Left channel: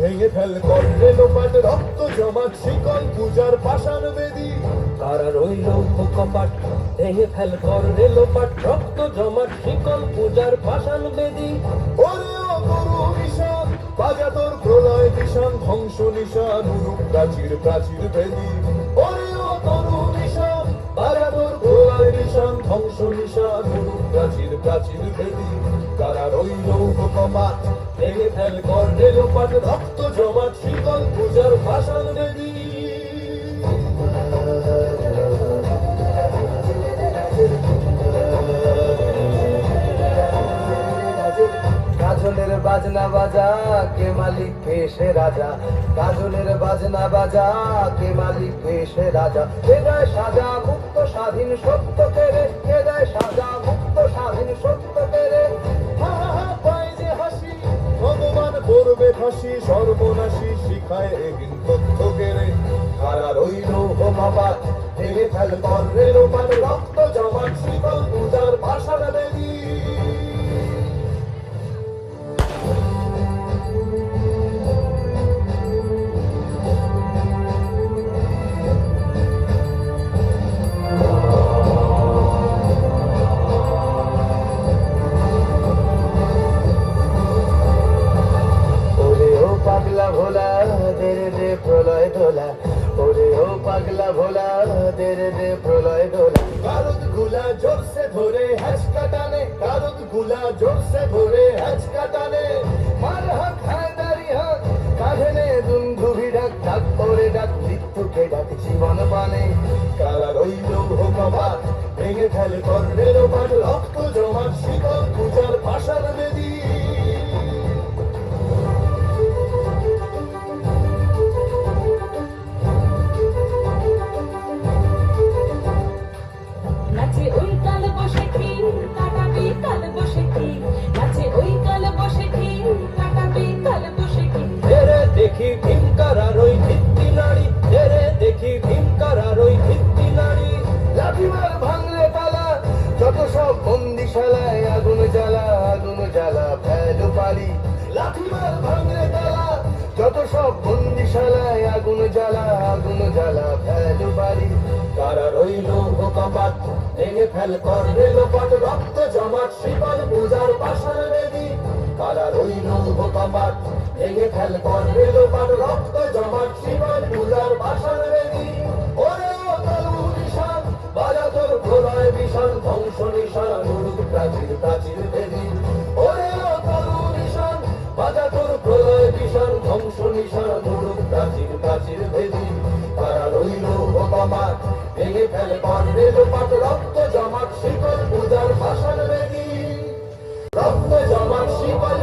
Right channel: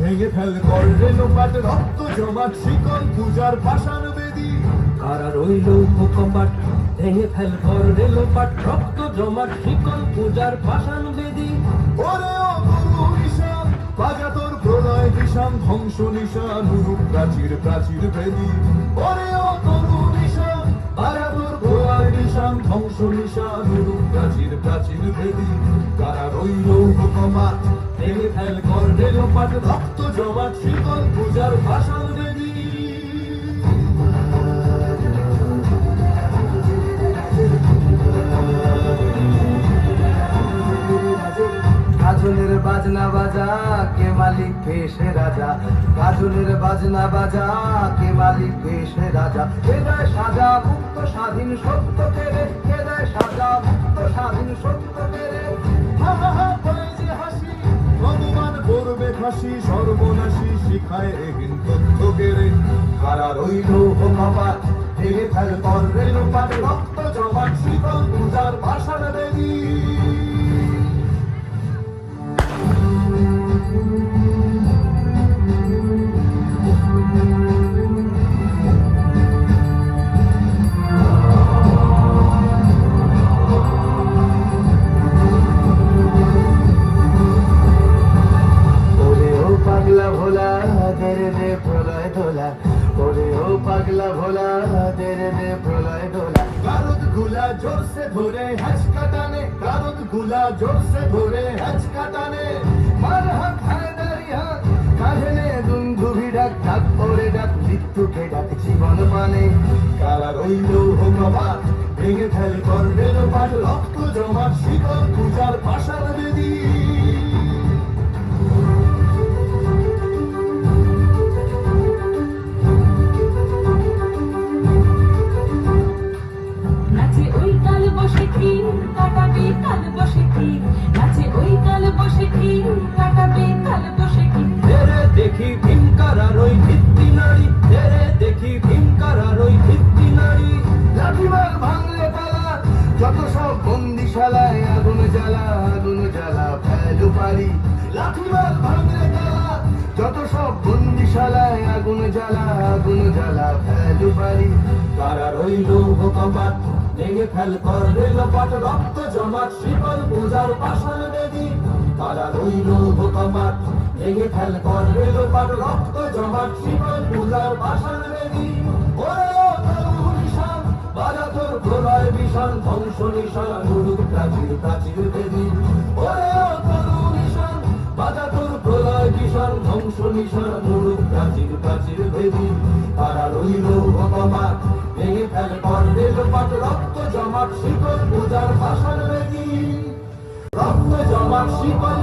ভেঙে ফেল করলে লোপাট, রক্ত জমাট, শিকল পূজার পাষাণ বেদী। কারা রইল কপাট ভেঙে ফেল ঘর রেলোপাট রক্ত জমাট, শিকল পূজার পাষাণ বেদী। ওরে ও গুরু নিশান বাজা প্রলয় নিশান ধ্বংস নিশান হুরুপ প্রাচীর প্রাচীর ভেদি ভেদি কারা রইল কপাট ভেঙে ফেল ঘর রেলোপাট রক্ত জমাট শিকল পূজার বেদী কাজলের বাজনা বাজা, কে মালিক পেশে রাজা? কাজলের বাজনা বাজা, কে মালিক পেশে রাজা? কে সাজা, মুক্ত স্বাধীন সত্য সত্য যে হাসি। ভগবান শিখায় এহীন তথ্য কেড়ে কারা রইল হোমাপাত ভেঙে ফেল কর রেলোপাট রক্ত ভোলা দেরে দে প্রলয় দোলা কারুদগুলা জোরসে ধরে হ্যাচ কাটানে, কারুদগুলা জোরসে ধরে হ্যাচ কাটানে। মার হাত হায়দারি হাত কাঁধে নে দুন্ধুভি ডাক ডাক ওরে ডাক, মৃত্যুকে ডাক, জীবন মানে। কারা রইল হোমাপাত ভেঙে ফেল কর রেলোপাট রক্ত জমাট শীতল পূজার ভাষার দেবী রইল কপাট ভেঙে ফেল কর রেলোপাট রক্ত জমাট শীতল পূজার পাশার বেদী কারা রইল কপাট ভেঙে ফেল কর রেলোপাট রেলোপাট রক্ত জমাট শিকল পূজার পাষাণ বেদি। রক্ত জমাট বেদী